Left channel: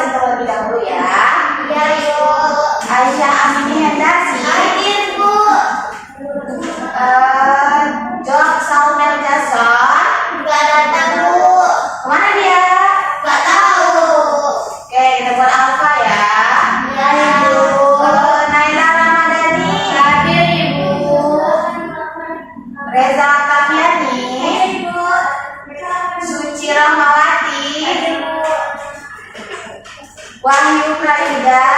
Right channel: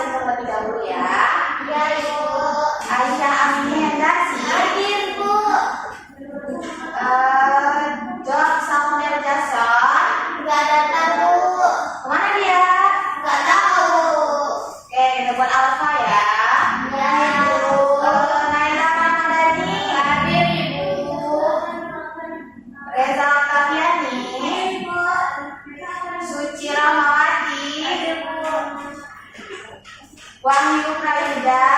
absen terlebih dahulu ya. Iya, Ibu. Aisyah Amini Hendasi. Hadir, Bu. Jok Salmer Jason. Nggak datang, Bu. Kemana dia? Nggak tahu. Oke, kita buat Alfa ya. Iya, Ibu. Naila Ramadhani. Hadir, Ibu. Reza Kafiani. Ibu. Suci Rahmawati. Hadir, Bu. Wahyu Prayuda.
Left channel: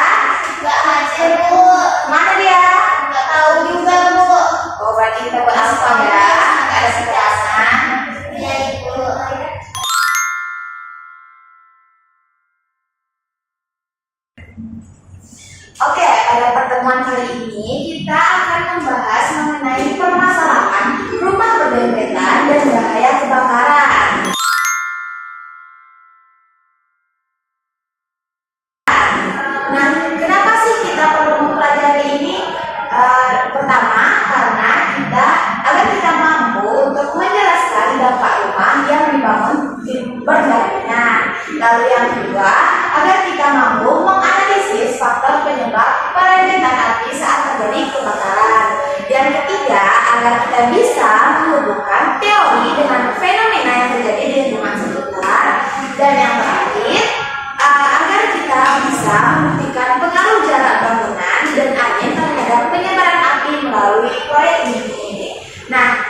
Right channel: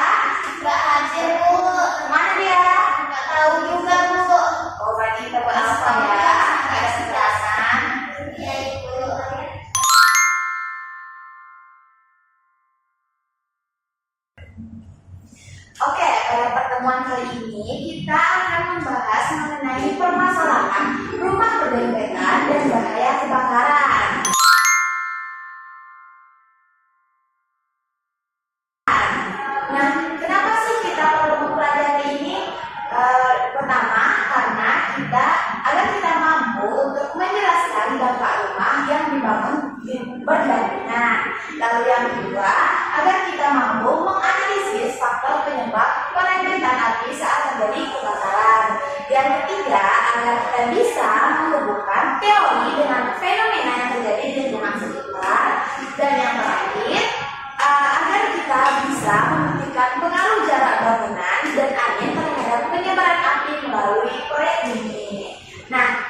Nggak hadir, Bu. Mana dia? Nggak tahu juga, Bu. Oh, berarti kita buat Alfa ya. Nggak ada kejelasan. Iya, Ibu. Oke, pada pertemuan kali ini kita akan membahas mengenai permasalahan rumah berdempetan dan bahaya kebakaran. Nah, kenapa sih kita perlu mempelajari ini? Pertama, karena agar kita mampu untuk menjelaskan dampak rumah yang dibangun berdampingan. Lalu yang kedua, agar kita mampu menganalisis faktor penyebab perembetan api saat terjadi kebakaran. Yang ketiga, agar kita bisa menghubungkan teori dengan fenomena yang terjadi di lingkungan sekitar. Dan yang terakhir, agar kita bisa membuktikan pengaruh jarak bangunan dan angin terhadap penyebaran api melalui proyek ini. Nah,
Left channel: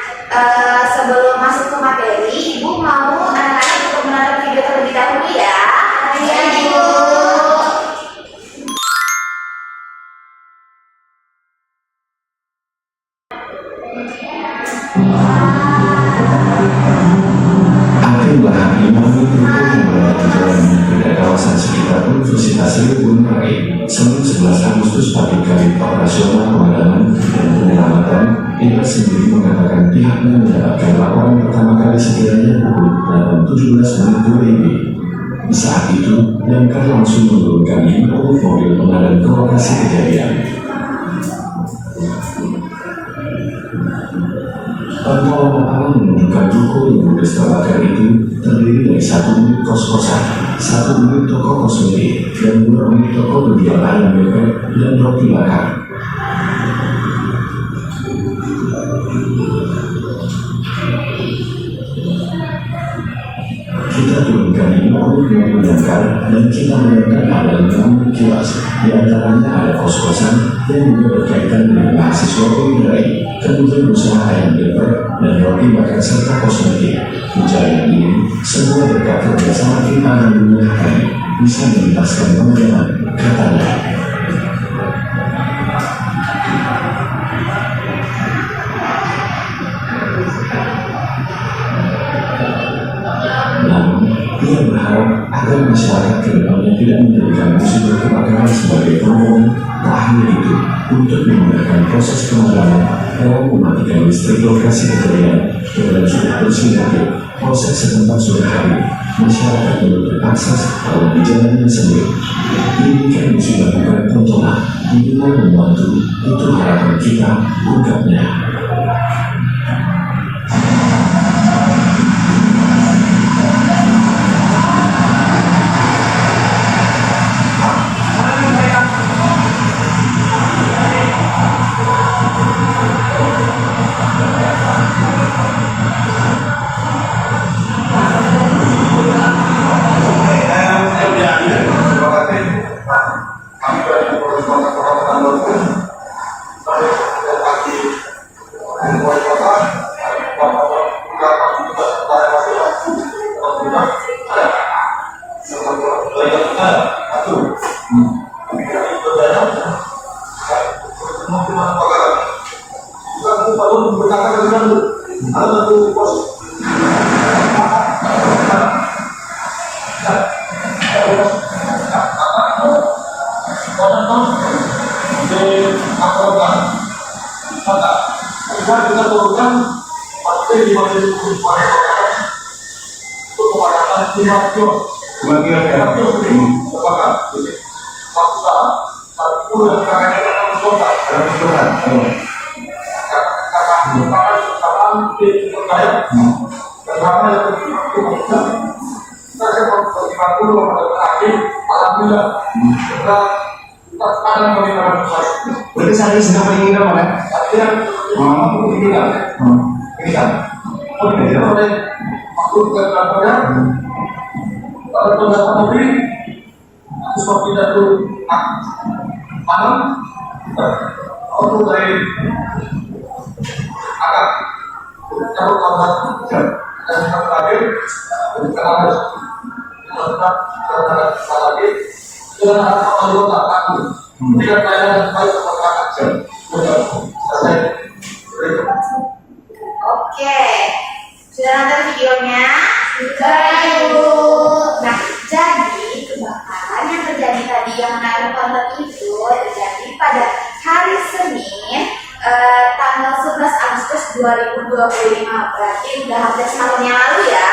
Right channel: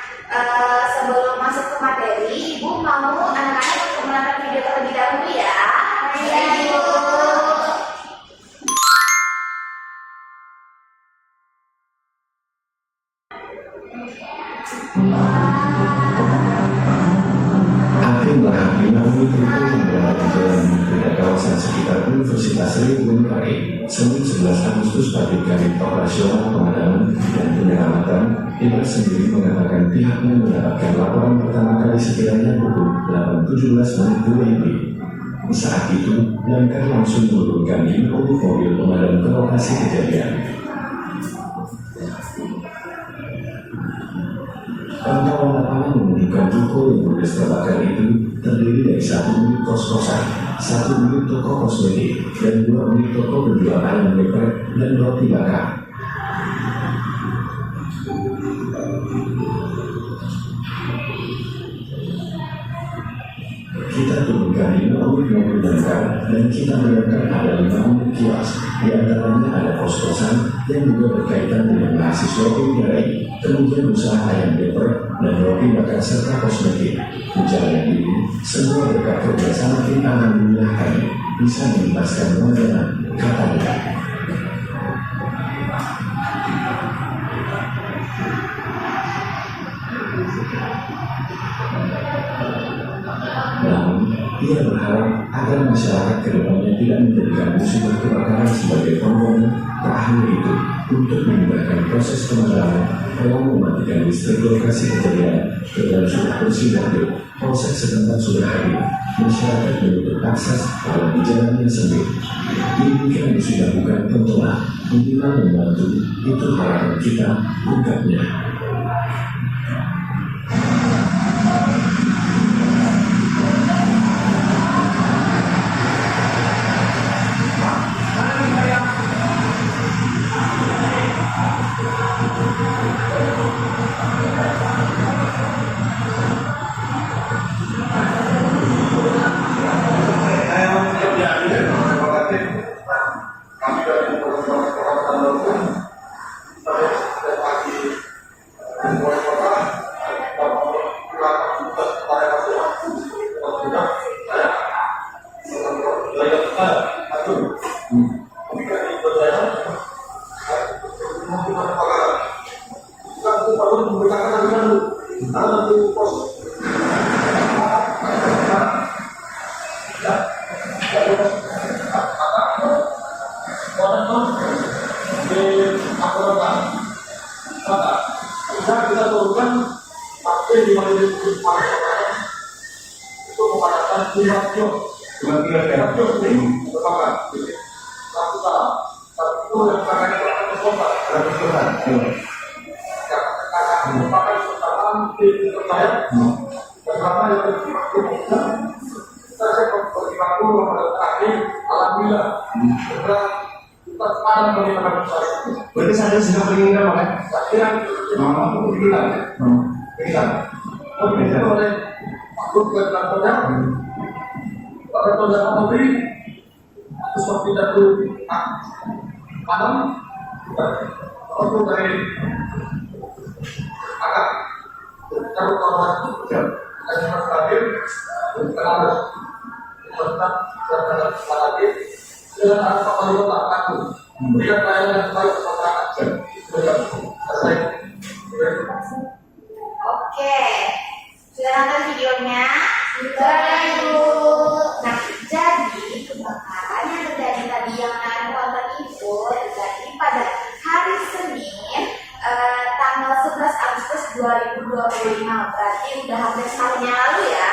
sebelum masuk ke materi, Ibu mau anak-anak untuk menonton video terlebih dahulu ya. Iya, Ibu. Hakim Bahari memenuhi trukul yang berada di jalan Muda kawasan sekitar Universitas Gunung Rai, Senin 11 Agustus pagi kali operasional pemadaman dan penyelamatan. Ia sendiri mengatakan pihaknya mendapatkan laporan pertama kali sekiranya pukul 8.17 WIB. Saat itu, damkar langsung menurunkan 50 mobil pemadam ke lokasi kejadian. Pantauan alam menunjukkan ruko yang ludes terbakar itu terdiri dari 1 unit kos-kosan, 1 unit toko kosmetik, dan 2 unit toko penjual ayam geprek dan roti bakar. Kita turunkan 5 unit mobil damkar dan kita menemukan ada 5 unit kios, di antaranya ada kos-kosan yang juga berkaitan dengan mahasiswa UIN, kemudian usaha ayam geprek dan roti bakar serta kosmetik. Pencarian ini semua berkat kerjasama tim Alhamdulillah kami bisa menuntaskan pemadaman, katanya. Ia berharap agar masyarakat kedepannya tidak menjadikan musibah kebakaran sebagai pengumuman. Tak hanya itu, untuk memudahkan proses pemadaman, dalam mematikan listrik lokasi kejadian, kemudian sudah bersinergi, proses setempat sudah hadir, masyarakat menutup akses dalam jalannya sendiri. Ini kami sudah bukan tontonan, minimal membantu, itu harapan kita, ungkapnya. Kita turunkan materi di mana itu memadamkan 5 kilo terbakar. Satu saat itu yang kakaknya dalam kota. Kakak merupakan kesalahan di terkait pertama yang kita akan berlima dulu pada terakhir alam apabila kita kadang meminta saya. Berarti saya sedang menginginkan apa? Saya keinginan. Keinginan. Oleh makhluk kantornya, pada pendapat negeri, seperti itu malam, atau dari agak cabut korban dan terakhir kenapa tetap lagi dengan anggota aku tidak bayar baik masyarakat selesai. Oke, sudah nonton videonya? Sudah, Ibu. Nah, jadi kebakaran yang terjadi tadi yang Anda tonton itu terjadi pada hari Senin tanggal 11 Agustus 2025, berarti udah hampir setahun yang lalu ya.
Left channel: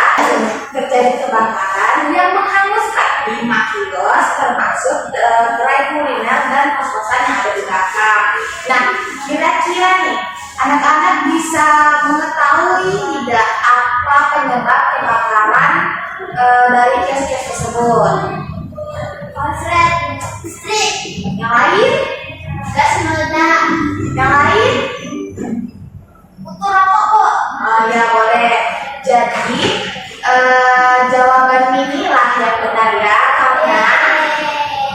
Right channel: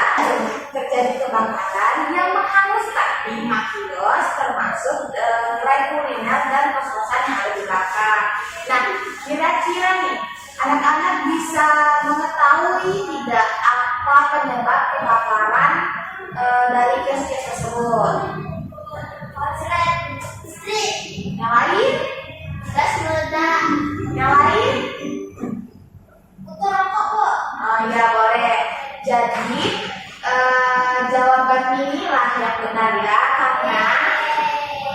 Terjadi kebakaran yang menghanguskan 5 kios termasuk gerai kuliner dan kos-kosan yang ada di belakang. Nah, kira-kira nih anak-anak bisa mengetahui tidak apa penyebab kebakaran dari kios-kios tersebut? Konslet listrik. Yang lain? Gas meledak. Yang lain? Kutu rokok, Bu. Oh ya boleh. Jadi jawaban inilah yang benar ya, karena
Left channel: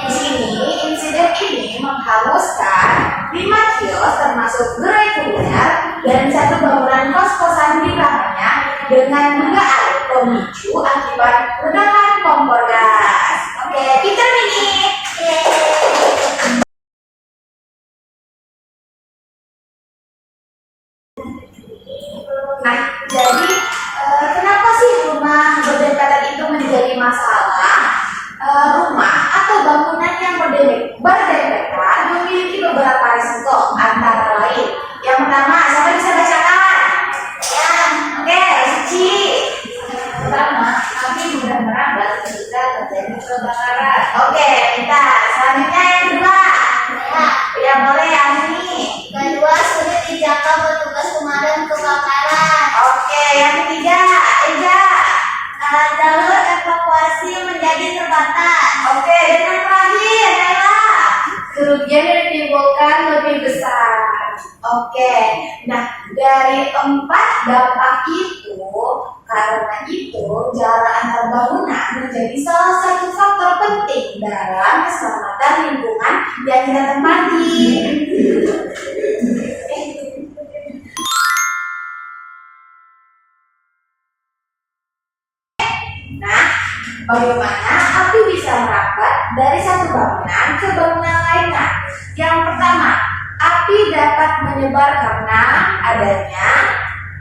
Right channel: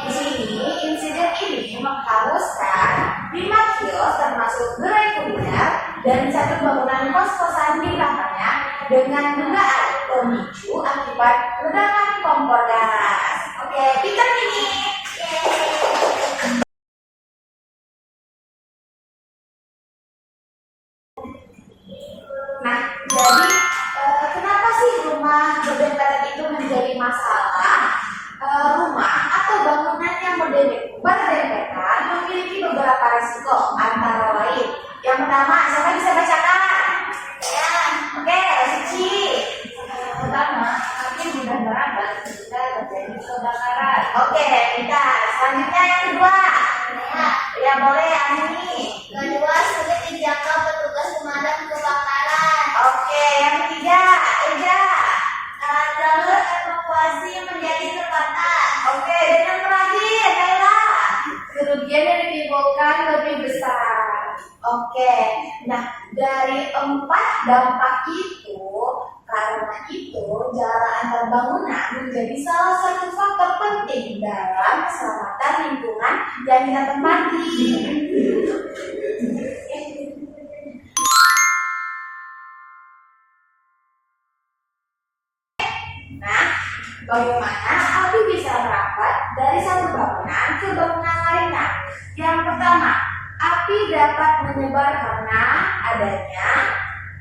di sini insiden ini menghanguskan 5 kios termasuk gerai kuliner dan 1 bangunan kos-kosan di belakangnya dengan dugaan pemicu akibat ledakan kompor gas. Oke, pintar ini. Nah, jadi kenapa sih rumah berdempetan itu menjadi masalah? Rumah atau bangunan yang berdempetan memiliki beberapa risiko, antara lain. Yang pertama, siapa bisa bacakan? Ya. Oke, Suci. Pertama, api mudah merambat ketika terjadi kebakaran. Oke, pintar. Selanjutnya yang kedua. Ya. Ya boleh, Ani. Kedua, sulit dijangkau petugas pemadam kebakaran. Oke, yang ketiga, Eja. Jalur evakuasi menjadi terbatas. Oke, dan yang terakhir, Naila. Kerugian yang ditimbulkan lebih besar. Oke, nah dari 4 dampak itu, karena itu jarak antar bangunan menjadi salah satu faktor penting dalam keselamatan lingkungan yang kita tempati. Nah, bagaimana api bisa merambat dari satu bangunan ke bangunan lainnya? Yang pertama, api dapat menyebar karena adanya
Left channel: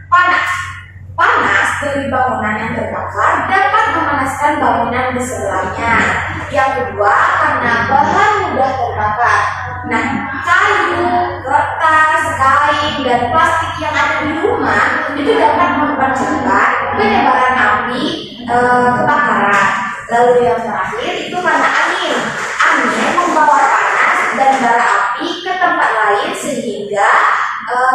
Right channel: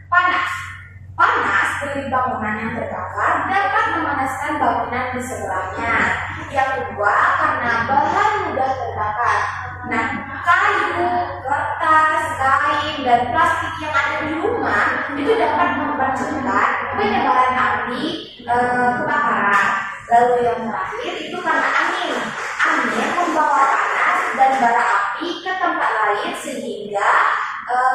panas. Panas dari bangunan yang terbakar dapat memanaskan bangunan di sebelahnya. Yang kedua, karena bahan mudah terbakar. Nah, kayu, kertas, kain, dan plastik yang ada di rumah itu dapat mempercepat penyebaran api kebakaran. Lalu yang terakhir itu karena angin. Angin membawa panas dan bara api ke tempat lain sehingga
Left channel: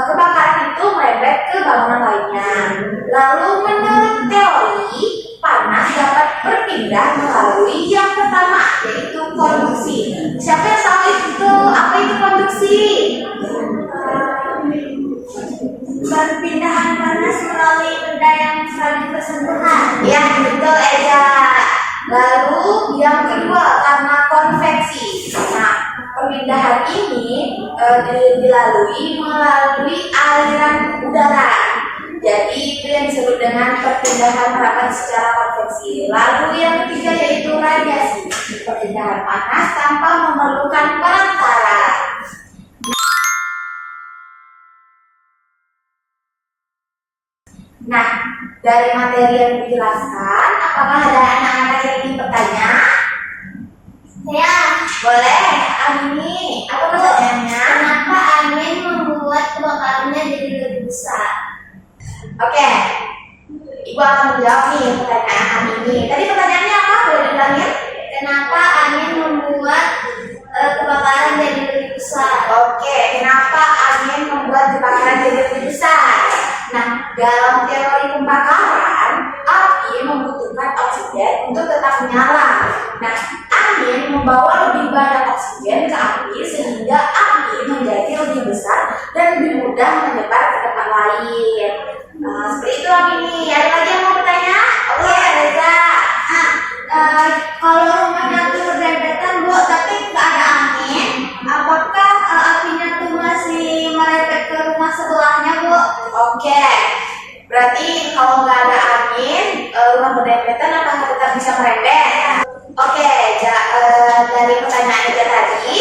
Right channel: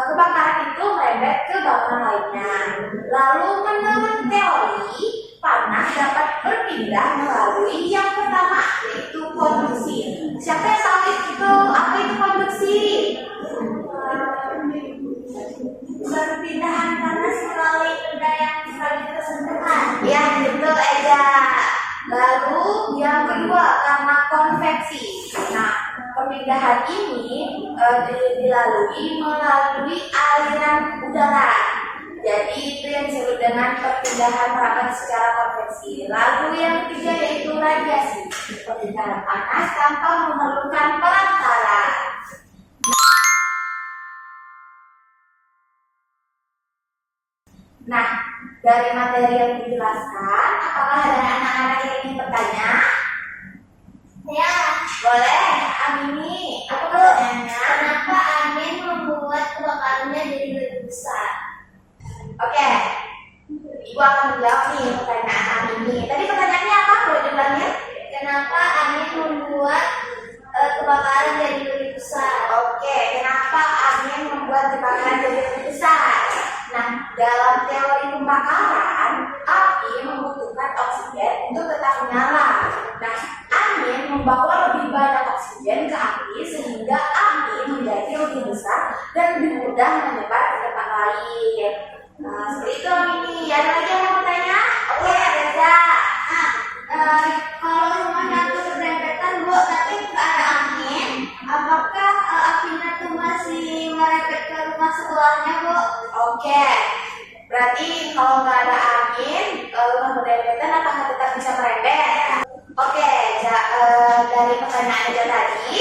kebakaran itu merebet ke bangunan lainnya. Lalu menurut teori, panas dapat berpindah melalui yang pertama yaitu konduksi. Siapa yang tahu itu apa itu konduksi? Perpindahan panas melalui benda yang saling bersentuhan. Ya, betul Eja. Lalu yang kedua karena konveksi. Nah, perpindahan ini dilalui melalui aliran udara. Jadi itu yang disebut dengan perpindahan harapan secara konveksi. Lalu yang ketiga yaitu radiasi. Perpindahan panas tanpa memerlukan perantara. Nah, dari materi yang dijelaskan, apakah ada anak-anak yang ingin bertanya? Ya. Boleh, Amini. Apa pertanyaannya? Kenapa angin membuat kebakarannya jadi lebih besar? Oke, Ibu akan menjawab nih pertanyaan Amini. Tadi pertanyaannya apa? Boleh diulangin? Kenapa angin membuat kebakaran jadi lebih besar? Oke, kenapa angin membuat kebakaran jadi lebih besar? Nah, dalam teori pembakaran, api membutuhkan oksigen untuk tetap menyala. Nah, angin membawa lebih banyak oksigen ke api sehingga api menjadi lebih besar dan lebih mudah menyebar ke tempat lain. Nah, seperti itu ini. Ada lagi yang mau bertanya? Oke, Reza. Kalau rumahnya tuh berdempetan Bu, tapi nggak ada angin, apakah apinya tuh masih merembet ke rumah sebelahnya Bu? Oke. Berarti kalau nggak ada angin, rumah berdempetan apakah tetap bisa merembet? Oke, dari pertanyaan Reza tadi,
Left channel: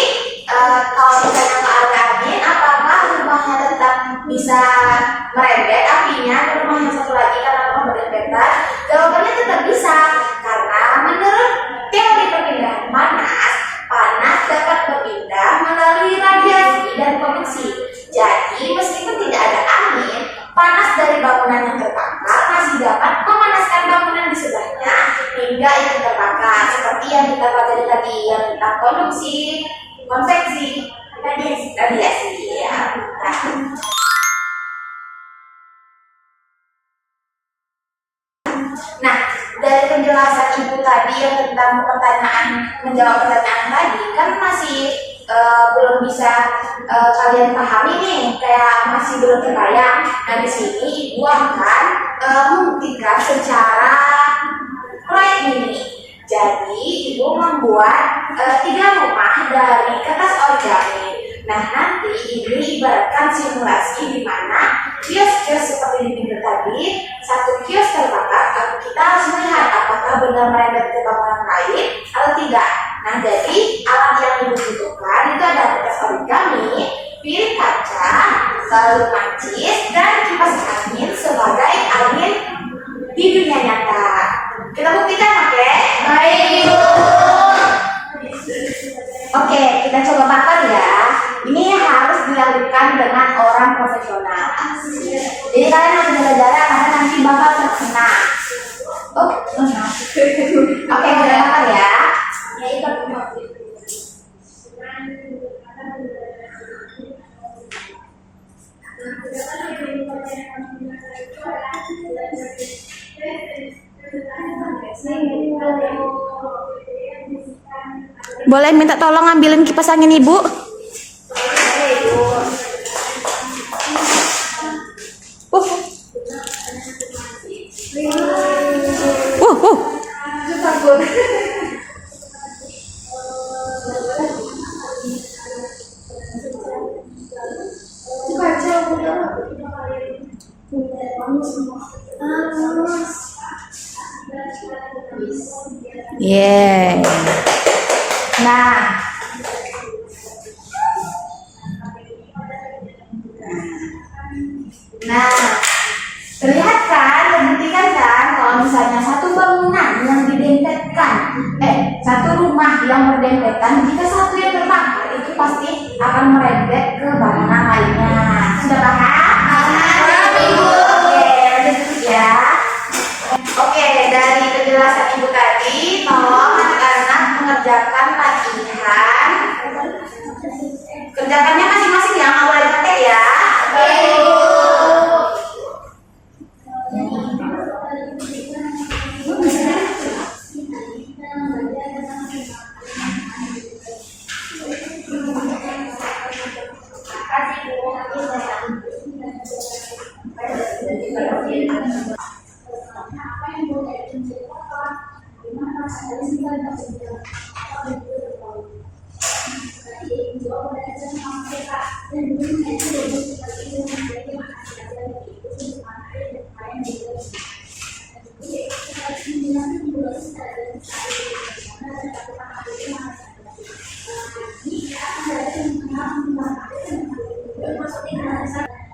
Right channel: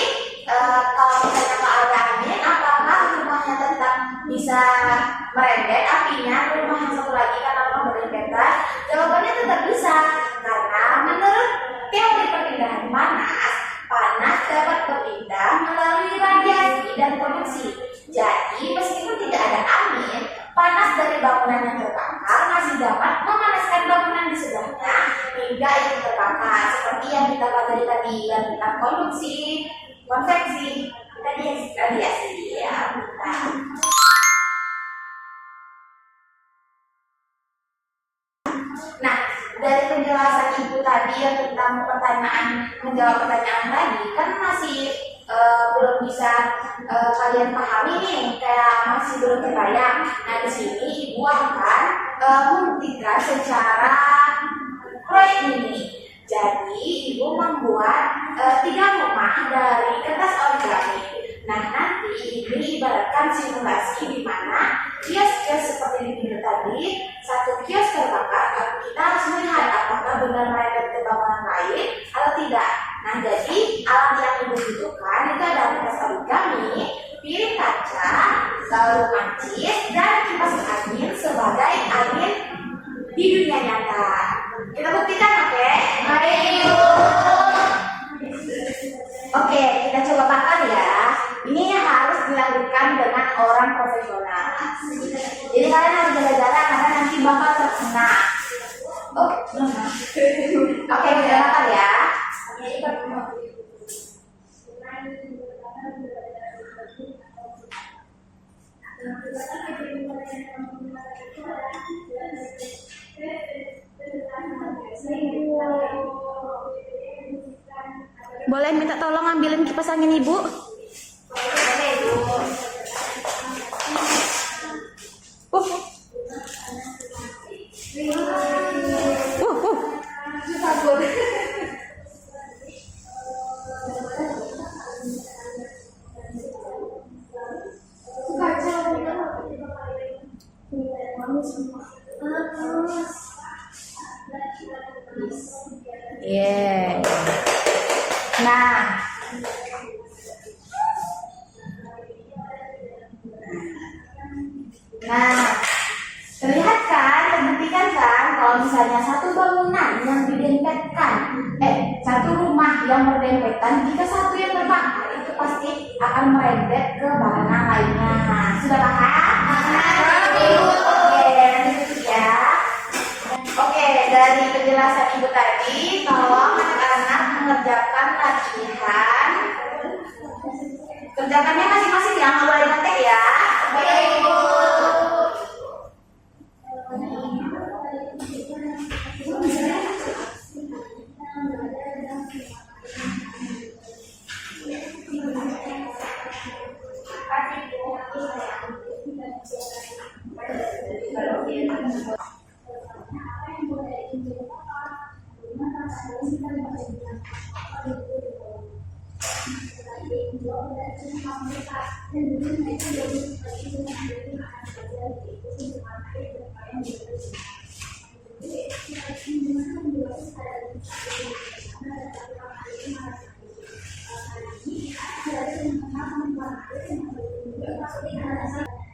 kalau misalnya nggak ada angin, apakah rumahnya tetap bisa merembet apinya ke rumah yang satu lagi karena rumah berdempetan? Jawabannya tetap bisa, karena menurut teori perpindahan panas, panas dapat berpindah melalui radiasi dan konveksi. Jadi meskipun tidak ada angin, panas dari bangunan yang terbakar masih dapat memanaskan bangunan di sebelahnya hingga itu terbakar, seperti yang kita pelajari tadi yang tentang konduksi, konveksi, radiasi ya. Nah, dari penjelasan Ibu tadi yang tentang menjawab pertanyaan tadi kan masih belum bisa kalian pahami nih, kayak masih belum terbayang. Nah, di sini Ibu akan membuktikan secara proyek ini. Jadi, Ibu membuat 3 rumah dari kertas origami. Nah, nanti ini ibaratkan simulasi di mana kios-kios seperti di pinggir tadi, satu kios terbakar, kita harus melihat apakah benar merembet ke bangunan lain atau tidak. Nah, jadi alat yang Ibu butuhkan itu ada kertas origami, piring kaca, lalu mancis, dan kipas angin sebagai angin di dunia nyata. Kita buktikan, oke? Baik Ibu. Oke, kita coba bakar ya. Ini harus dilakukan dengan orang profesional. Jadi kalian harus jaga-jaga karena nanti bakal terkena. Oh, maaf. Oke, kita bakar ya. Ya, itu. Boleh minta tolong ambilin kipas angin Ibu? Takut. Yeah. Nah, terlihat kan, terbuktikan kan kalau misalnya satu bangunan yang didempetkan, satu rumah yang berdempetan, jika satu yang terbakar itu pasti akan merembet ke bangunan lainnya. Sudah paham? Paham, Ibu. Oke, lanjut ya. Oke, dari penjelasan Ibu tadi, tolong anak-anak mengerjakan latihan. Kerjakannya masing-masing ya, nggak boleh ngetik ya. Baik Ibu.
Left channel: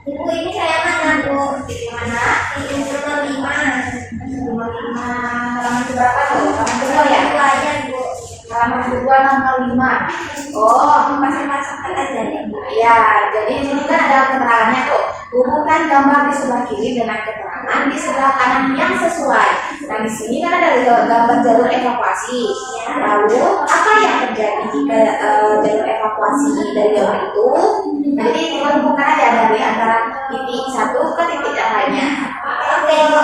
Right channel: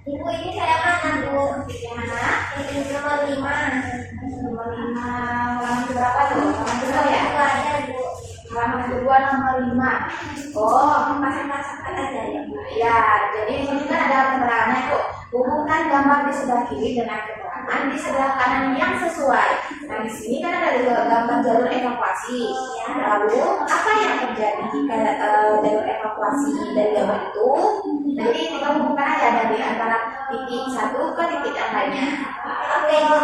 Ibu, ini saya mana Bu? Mana? Ini nomor 5. Nomor 5. Halaman berapa tuh? Halaman kedua ya? Dua aja Bu. Halaman kedua nomor 5. Oh, Pasang-pasangkan aja ya Bu. ya. Jadi di sini kan ada keterangannya tuh. Hubungkan gambar di sebelah kiri dengan keterangan di sebelah kanan yang sesuai. Nah, di sini kan ada gambar jalur evakuasi. Lalu apa yang terjadi jika jalur evakuasi dari gambar itu? Nah, jadi kita hubungkan aja dari antara titik satu ke titik yang lainnya. Oke Bu.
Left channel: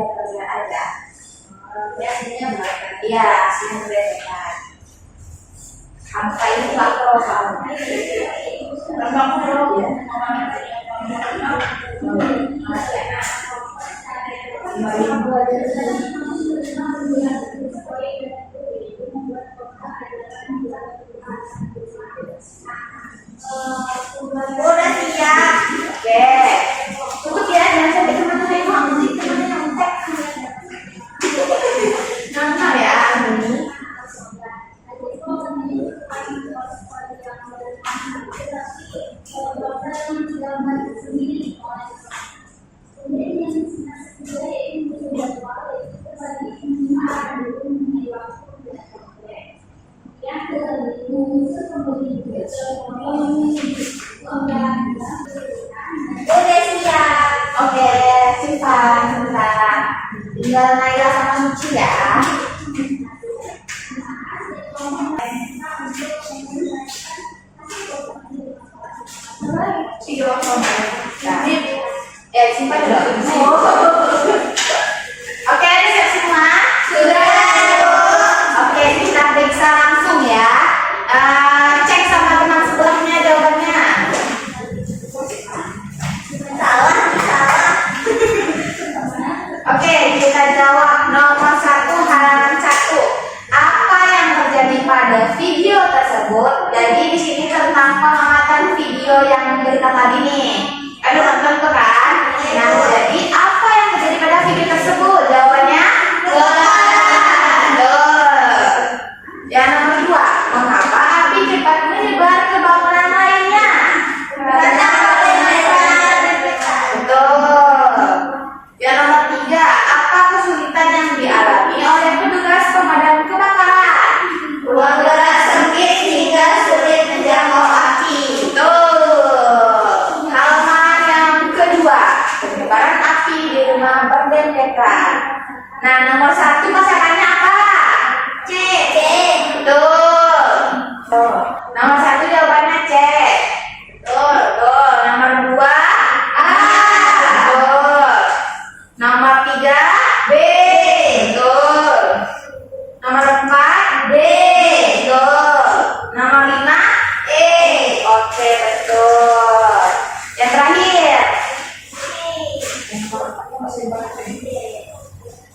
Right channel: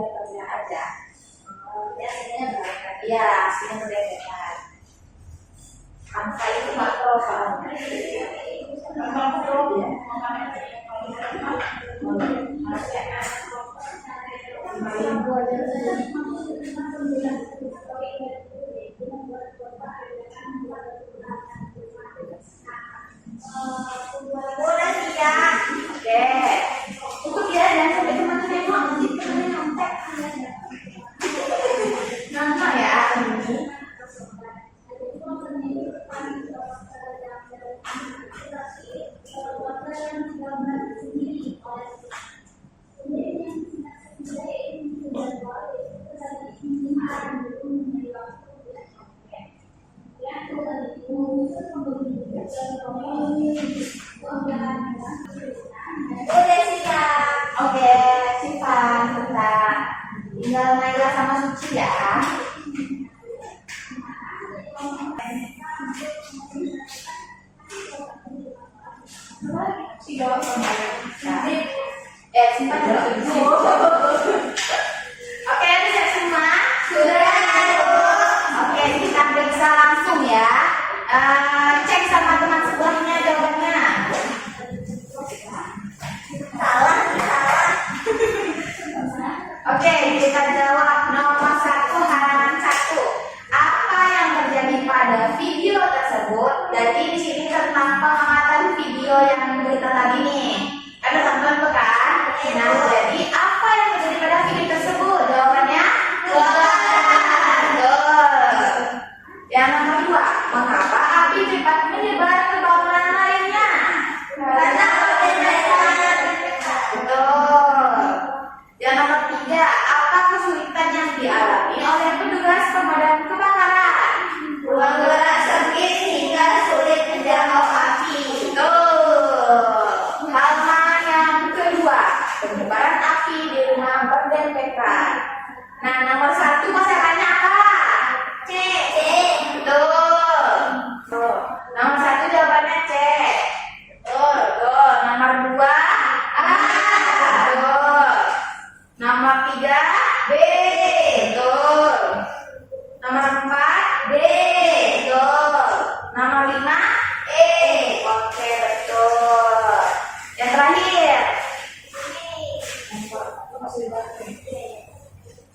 beda kerja aja. Biasanya mereka Iya, sini berdekatan. Apa itu makro soalnya? Makro ya. Minggu aja. udah siap. Oke. Tutup ya, jangan sampai teman-teman yang nanti teman-teman yang tek. Nama ya ini. Udah siap. Oke, simpan sebentar. Tinggal Naila sama Suci ya. Simpan dulu. Oke, ada siap semua? Sudah. Oke, kita periksa langsung ya. Cek sama teman sebelahnya jawabannya. Salah. Oke, kita jawab nomor 1 halaman 1. Apa yang terjadi pada video tersebut? Jadi di sini tentang pengamatan video yang berita tadi nih. Ada tonton tuh kan? Nah, jadi apa yang terjadi pada video tersebut? Jawabannya betul. Yang nomor 2, mengapa api cepat menyebar ke bangunan lainnya? Karena Betul. Yang nomor 3, apa kesulitan yang dialami oleh petugas pemadam kebakaran? ruang gerak sempit hingga sulit menjangkau api. Betul. Halaman yang kedua, penyebaran api di rumah berdempetan. Nah, nomor 1 pasangannya apa? C. Betul. Tuh. Nomor 1 jawabannya C. Betul. Betul. Nomor 2 A. Betul. Nomor 3 B. Betul. Nomor 4 D. Betul. Nomor 5 E. Oke, betul. Yang terakhir.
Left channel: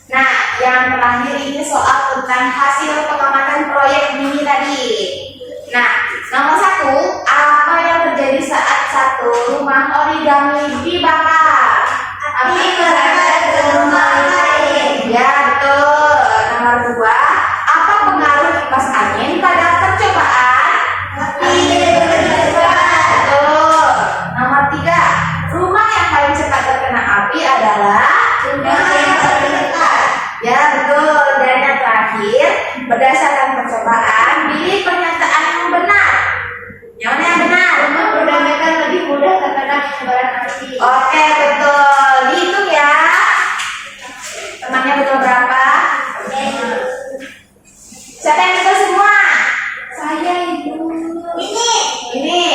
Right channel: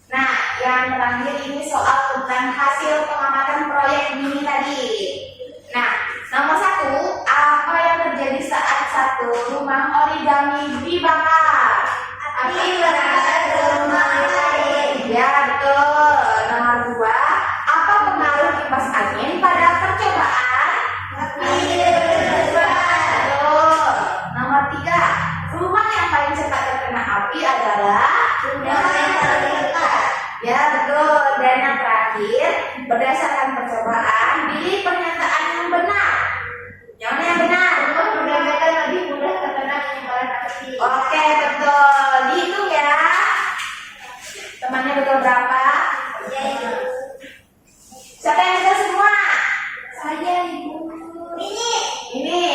Nah, yang terakhir ini soal tentang hasil pengamatan proyek mini tadi. Nah, nomor 1, apa yang terjadi saat satu rumah origami dibakar? Api merambat ke rumah lain. Ya, betul. Nomor 2, apa pengaruh kipas angin pada percobaan? Api berdebar. Betul. Nomor 3, rumah yang paling cepat terkena api adalah Rumah yang paling dekat. Ya, betul. Dan yang terakhir, berdasarkan percobaan, pilih pernyataan yang benar. Yang mana yang benar? Rumah berdamaikan lebih mudah terkena penyebaran api. Oke, betul. Dihitung ya. Temannya betul berapa? Siapa yang betul semua? Saya ibu. Ini.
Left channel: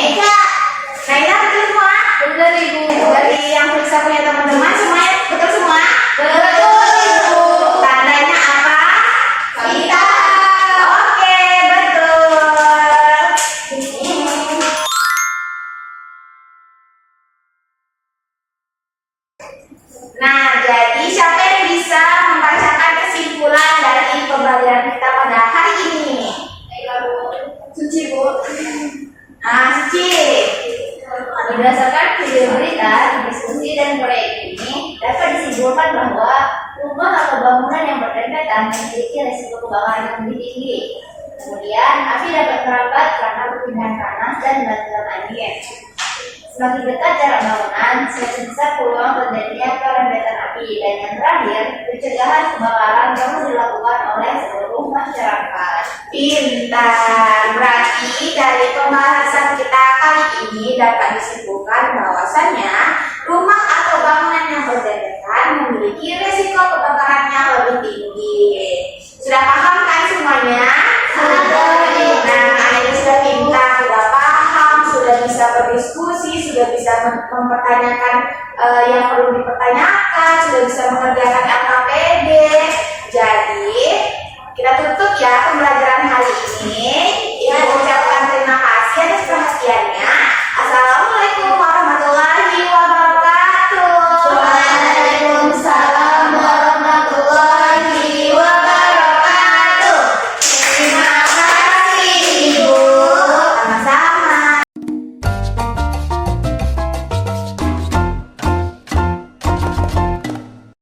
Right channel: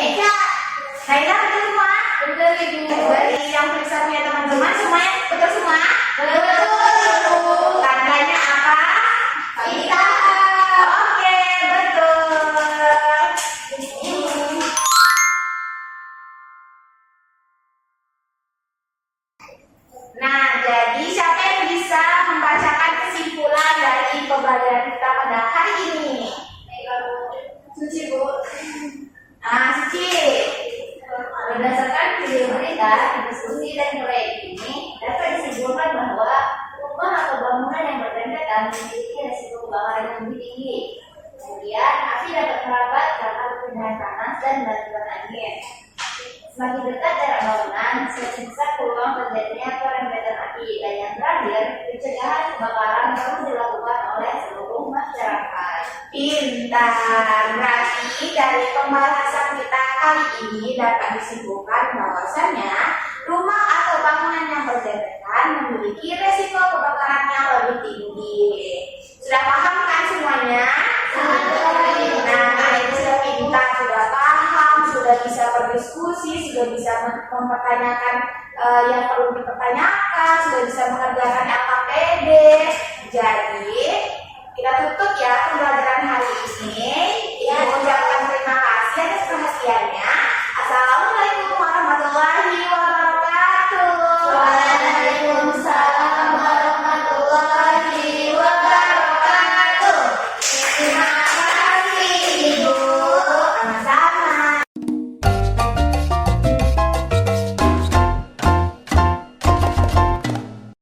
Naila betul semua? Betul ibu. Dari yang periksa punya teman-teman semuanya betul semua? Betul ibu. Tandanya apa? Kita. Oke, betul. Nah, jadi siapa yang bisa membacakan kesimpulan dari pembelajaran kita pada hari ini? Suci bu. Suci. Berdasarkan video berita, diskusi dan proyek ini dapat disimpulkan bahwa rumah atau bangunan yang berdempetan memiliki risiko kebakaran yang lebih tinggi. Kemudian, api dapat merambat karena perpindahan panas dan bantuan angin. Semakin dekat jarak bangunan, semakin besar peluang terjadinya perempetan api. Dan yang terakhir, pencegahan kebakaran perlu dilakukan oleh seluruh masyarakat. Pintar. Berarti dari pembahasan kita kali ini dapat disimpulkan bahwasannya rumah atau bangunan yang berdempetan memiliki risiko kebakaran yang lebih tinggi. Sudah paham kan semuanya? Nah, kalian sudah pintar, sudah paham, sudah bisa berdiskusi, sudah bisa mempertanyakan yang perlu dipertanyakan, sudah bisa mengerjakan LKP Kita tutup ya pembelajaran hari ini.